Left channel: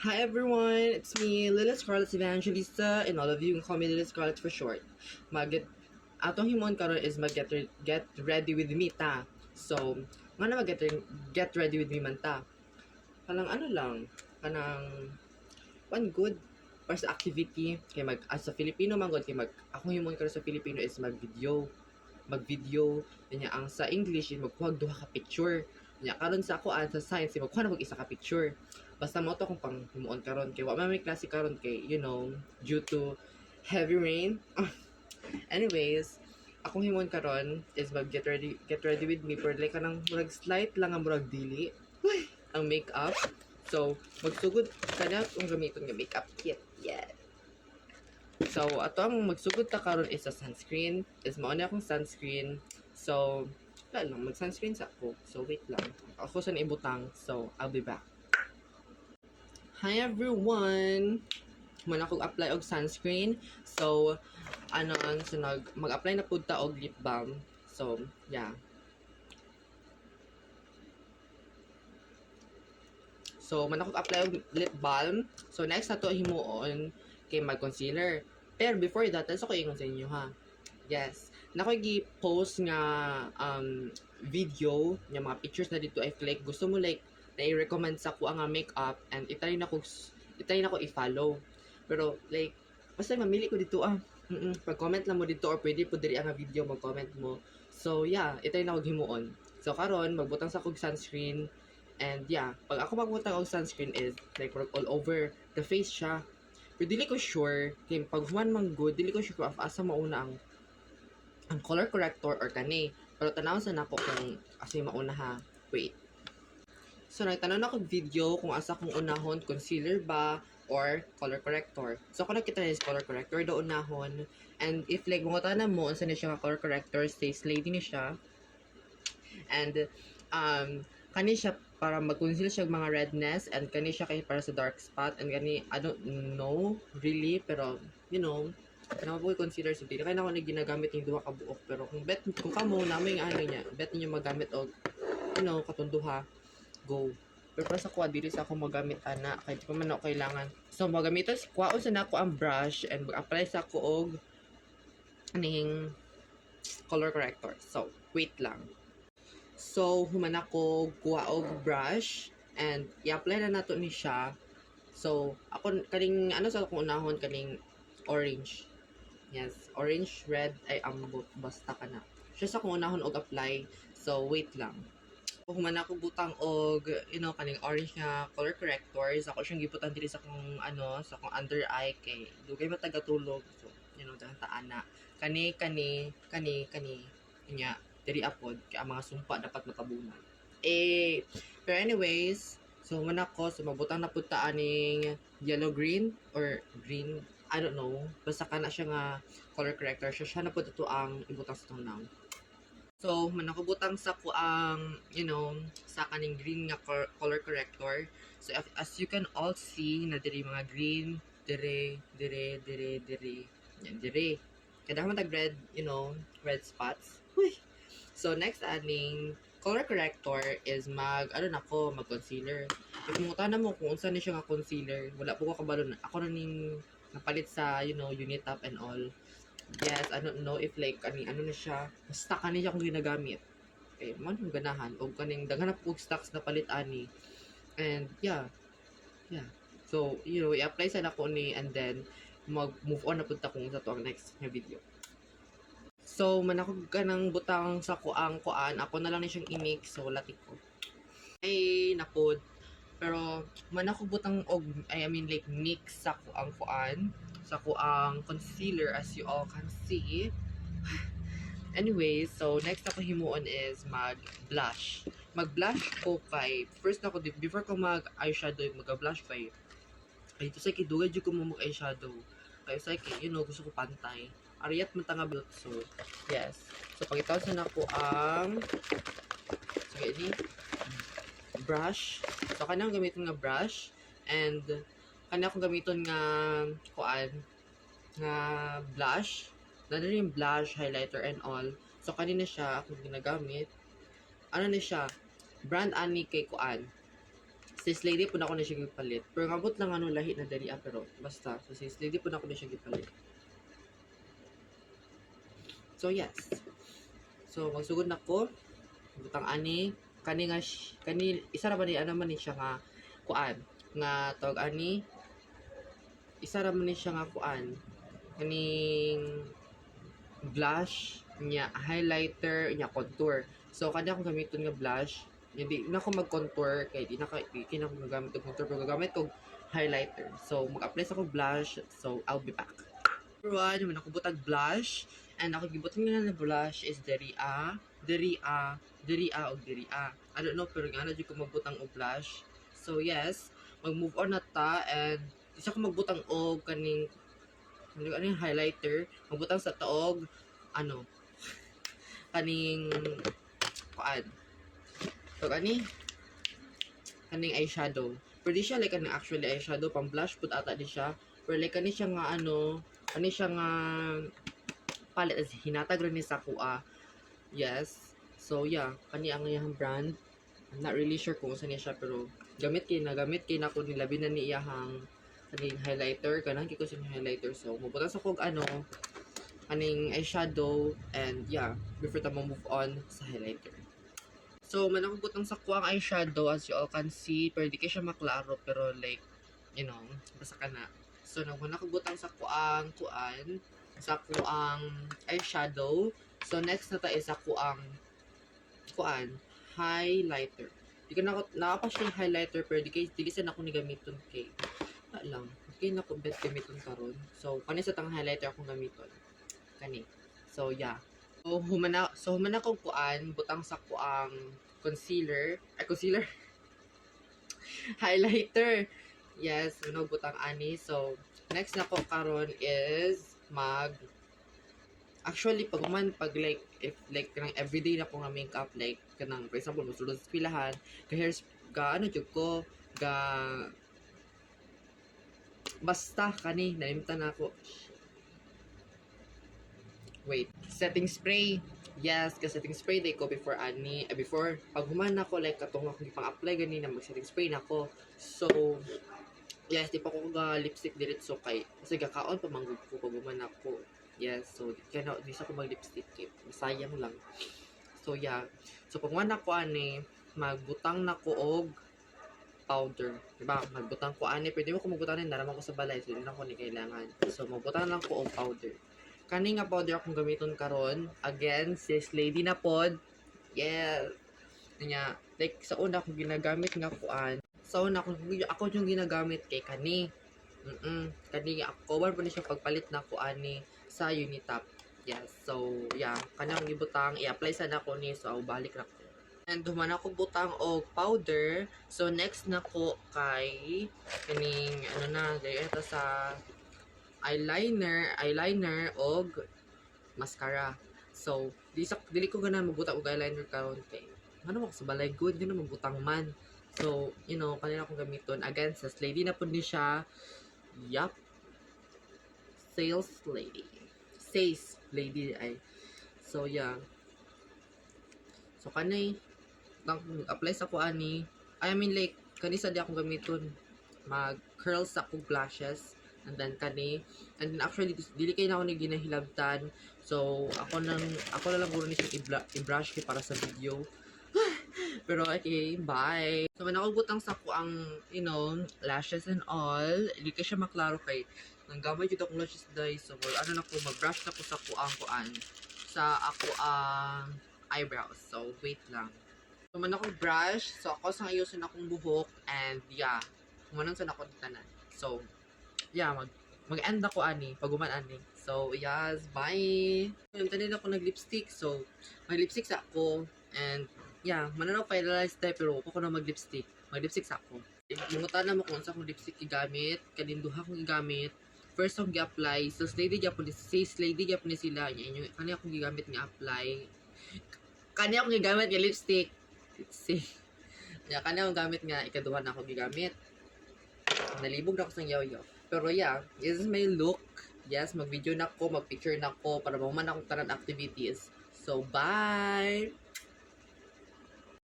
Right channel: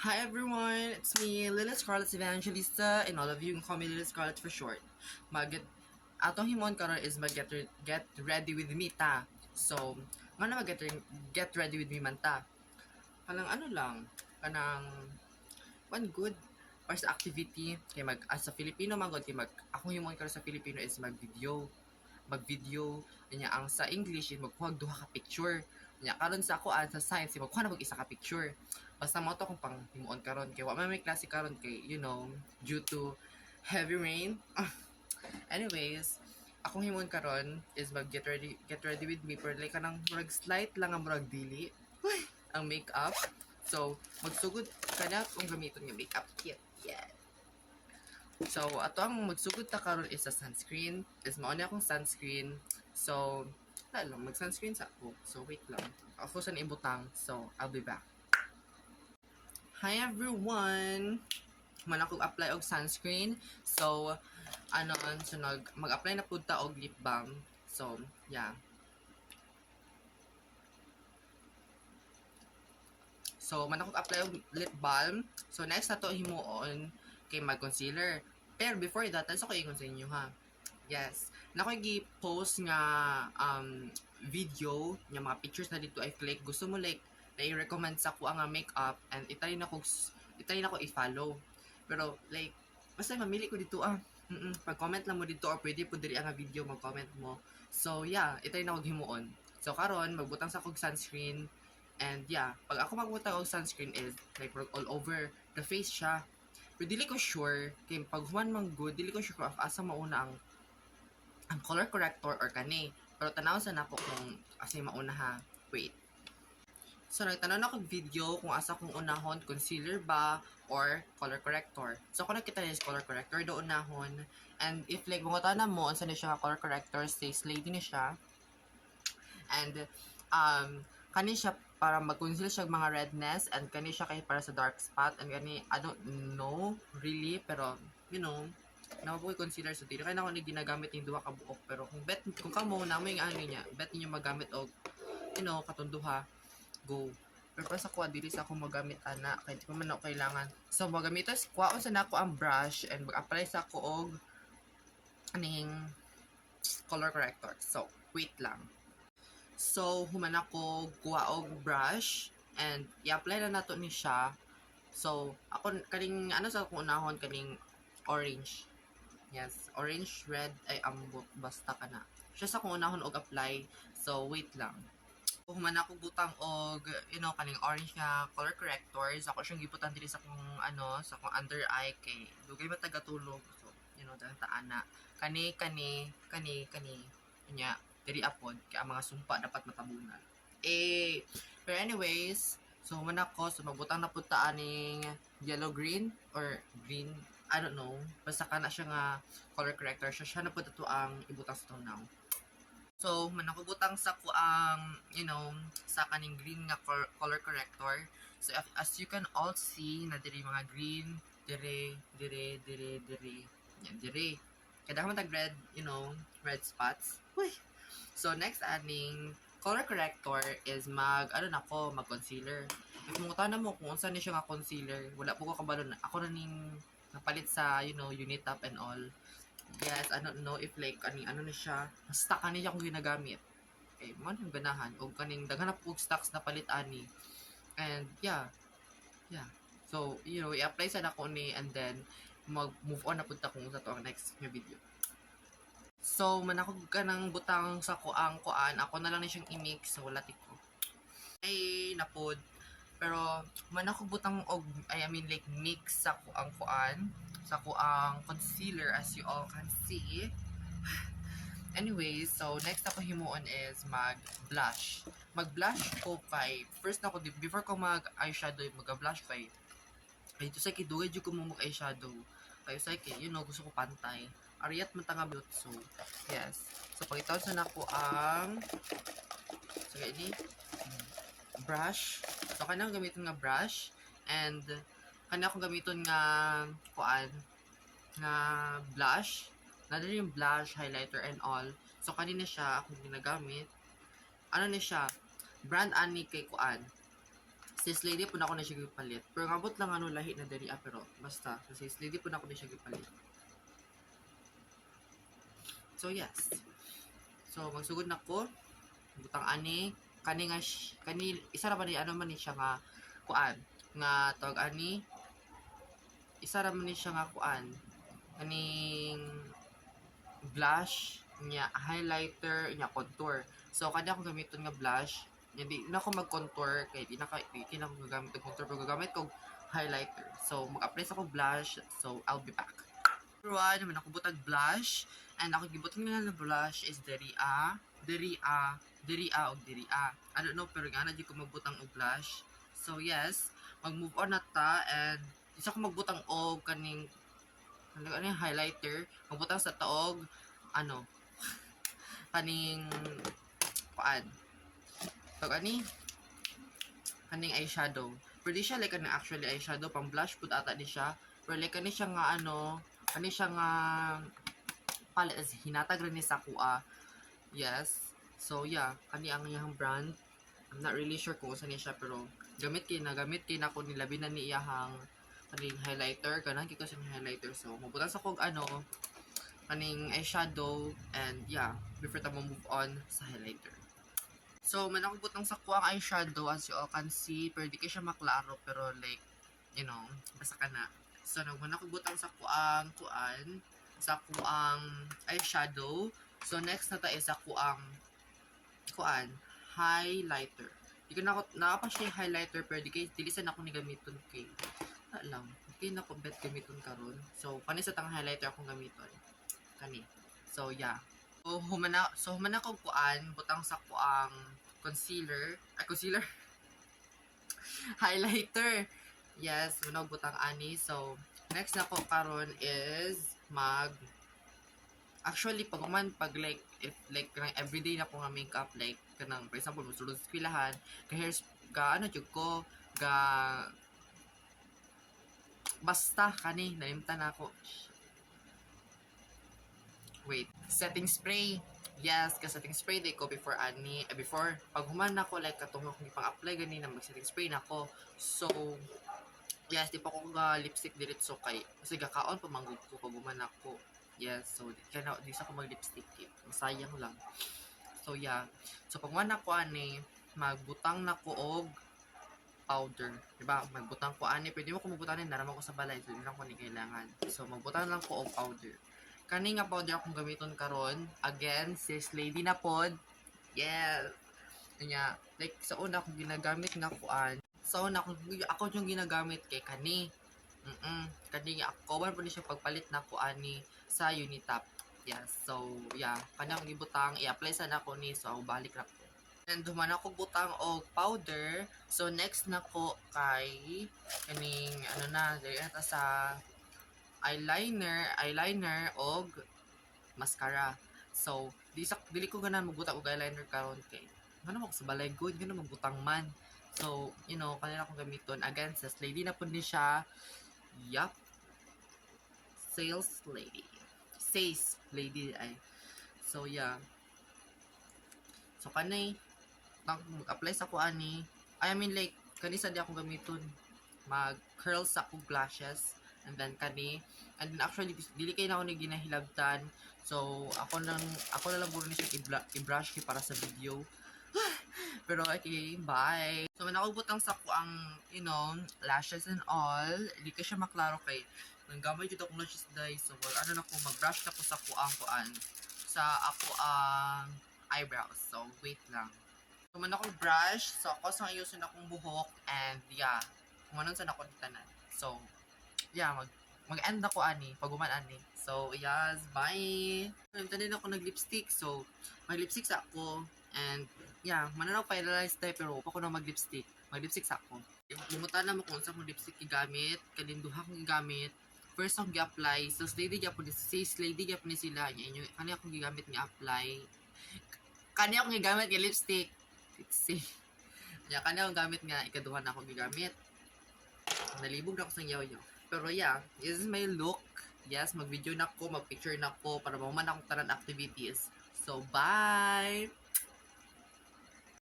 Hi everyone, it's me, Lila Scarlett Evangelista, and all of you can call me Lila Scarlett for short. Atong himon karon is get ready with me ta. So, nga na get ready with me man ta. Kanang ano lang, kanang one good para sa activity kay as a Filipino man kay akong himon karon sa Filipino is magvideo niya ang sa English is magkuha duha ka picture niya karon sa ako sa science magkuha na isa ka picture basta mo to kung pang himuon karon kay wa may klase karon kay due to heavy rain. Anyways, akong himon karon is get ready with me pero like kanang murag slight lang ang murag dili ang makeup. So magsugod pa na kung gamiton nga makeup kit. Yeah. So, ato ang magsugod ta karon is sa sunscreen. Is mao na akong sunscreen. So, wala lang, mag-sunscreen sa ako. So, wait lang. Ako sa ibutang. So, I'll be back. Hi everyone! Man ako apply og sunscreen. So, so mag-apply na pud ta og lip balm. So, yeah. So, man ako apply og lip balm. So, next na to himuon kay mag-concealer. Pero before that, let's ako ingon sa inyo ha. Yes. Nako-post nga video nga mga pictures na dito I like gusto mo like na i-recommend sa ko ang makeup and itry na ko i-follow. Pero like basta mamili ko dito pag-comment lang mo dito or pwede po diri ang video mag-comment mo. So yeah, itry na ko himuon. So karon magbutang sa kog sunscreen and yeah, pag ako magbutang og sunscreen is like all over the face siya. Pero dili ko sure kay pag human man good, dili ko sure kung asa mauna ang color corrector or kani. Pero tanaw sa nako kung asa mauna ha. Wait. So nagtanan ako video kung asa kong unahon concealer ba or color corrector. So kung nakita niyo is color corrector do unahon and if like mo tanan mo unsa ni siya color corrector stays lady ni siya. And kani siya para mag-conceal siya mga redness and kani siya kay para sa dark spot and kani I don't know really pero kana mo consider so dili kay na ako ni ginagamit yung duha ka buok pero kung kamo na may ano niya bet niyo magamit og katunduha go pero para sa kuha dili sa ako magamit ana kay di pa man ako kailangan so magamiton kuhaon sa nako ang brush and mag-apply sa ako og aning color corrector so wait lang. So, human ako kuha og brush and i-apply na nato ni siya. So, ako kaning sa akong unahon kaning orange. Yes, orange, red ay ambot basta kana. Siya sa akong unahon og apply. So, wait lang. Human ako butang og kaning orange nga color corrector. So, ako siyang gibutan diri sa akong sa akong under eye kay dugay matagatulog. So, daghang taana. Kani nya diri apod kay ang mga sumpa dapat matabunan. Pero anyways, so man ako so magbutang na pud ta aning yellow green or green, I don't know. Basta kana siya nga color corrector siya na pud ato ang ibutang sa tunaw. So man ako butang sa ko ang sa kaning green nga color corrector. So as you can all see na diri mga green dire. Yan dire. Kada man tag red, red spots. Uy. So, next aning color corrector is mag-concealer. If mo tanan mo kung unsa ni siya nga concealer, wala po ko kabalo na. Ako na ning napalit sa, Unitap and all. Yes, I don't know if like, ano ni siya. Basta kani siya kung ginagamit. Okay, man yung ganahan. O kaning, daghan na po stocks na palit ani. And, yeah. So, i-apply sa nako ni and then, mag-move on na punta kung sa to ang next video. So, manakog ka ng butang sa kuang ako na lang na siyang i-mix. So, latik ko. Ay, napod. Pero, manakog butang like, mix sa kuang sa kuang concealer as you all can see. Anyway, so, next ako himuon is mag-blush. Mag-blush ko kay, first ako, before ko mag-eyeshadow, mag-blush kay, ito sa kidugay dyan ko mo mag-eyeshadow. Kaya sa gusto ko pantay. Ariyat man tanga built so yes so pangitaw sa nako ang ini brush so kanang gamiton nga brush and kanang akong gamiton nga nga blush na din yung blush highlighter and all so kanina siya akong ginagamit ni siya brand ani kay sis lady po na ako na siya gipalit. Pero ngabot lang ano lahi na dali pero basta sa sis lady po na ako na siya gipalit. So yes. So magsugod na ko. Butang ani kani nga kani isa ra man ni ano man ni siya nga kuan nga tawag ani isa ra man ni siya nga kuan kaning blush nya highlighter nya contour. So kanya akong gamiton nga blush. Hindi na ako mag-contour kay di na ako gagamit og contour pero gagamit ko highlighter. So mag-apply sa ko blush. So I'll be back. Everyone, naman ako butag blush and ako gibutan nga na blush is Deria. I don't know pero nga na di ko magbutang og blush. So yes, mag-move on na ta and isa ko magbutang og kaning highlighter, magbutang sa taog ano kaning kuan so kaning eyeshadow pero di siya like kaning actually eyeshadow pang blush pud ata di siya pero like kani siya nga ano kani siya nga palette as hinatag rin ni sa kuha. Yes, so yeah, kani ang iyang brand. I'm not really sure kung saan niya siya pero gamit kay na ko nilabi na ni iyang kaning highlighter kanang kiko sa highlighter. So mabutang sa kog ano kaning eyeshadow and yeah, before ta mo move on sa highlighter. So man ako butang sa kuang eyeshadow as you all can see, pero di kay siya maklaro pero like you know, basta ka na. So nang man ako butang sa kuang eyeshadow. So next na ta is sa kuang highlighter. Di ka na pa siya highlighter pero di sa na ako ni gamiton kay lang. Di na ko bet gamiton karon. So kani sa tang highlighter akong gamiton. Kani. So yeah. So humana ko kuan butang sa kuang concealer highlighter. Yes, muna butang ani. So next na ko karon is actually pag like if like kanang everyday na ko nga makeup like kanang for example musulod sa pilahan ga ano jud ko ga basta kani naimtan ako. Wait, setting spray. Yes, ka setting spray day ko before pag human ako like katong akong ipang-apply ganina mag setting spray nako. So yes, di pa ko ga lipstick diretso kay kasi gakaon pa manggod ko pag human ako. Yes, so di sa ko mag lipstick kay sayang lang. So yeah. So pag human ako magbutang nako og powder. Diba? Magbutang ko pwede mo ko magbutang naraman ko sa balay so di na ko ni kailangan. So magbutang lang ko og powder. Kani nga powder akong gamiton karon again sis lady na pod. Yes. Kanya like sa una akong ginagamit nga kuan. Sa una ako yung ginagamit kay kani. Kani cover po ni siya pagpalit na ko sa Unitap. Yes. So yeah, kani akong gibutang i-apply sa nako ni so balik ra ko. And duman ako butang og powder. So next na ko kay kaning ano na dito sa eyeliner og mascara. So dili ko ganahan magbutang og eyeliner karon kay ano mo sa balay good gano magbutang man. So you know kanila akong gamiton again sa lady na pud ni siya. Yup. Says lady ay. So yeah. So kanay nang apply sa ko ani I mean like kanisa di akong gamiton mag curl sa ko lashes and then kani and then actually dili kay na ako ni ginahilabtan so ako na lang guro ni siya i-brush kay para sa video. Pero okay, bye. So man ako butang sa ko ang you know lashes and all di kay siya maklaro kay nang gamay jud akong lashes dai so ano na ko mag-brush na ko sa kuan sa ako ang eyebrows. So wait lang. So man ako brush so ako sang ayusin akong buhok and yeah kumanon sa nako tanan. So yeah, mag-end ako paguman So, yes, bye! Tanin ako nag-lipstick. So, mag-lipstick sa ako. And, yeah, mananaw finalize tayo pero ako na mag-lipstick. Mag-lipstick sa ako. Mungutan na mo kung saan akong lipstick igamit. Kaninduha kong igamit. First akong i-apply. So, slady gyapon ni sila. Kani akong gigamit ni apply. Kani akong gigamit ng lipstick. See? Yeah, kani akong gamit nga ikaduhan ako gigamit. Nalibog na ako sa yaw-yaw. Pero yeah, this is my look. Yes, mag-video na ako, mag-picture na ako para maman akong tanan activities. So, bye!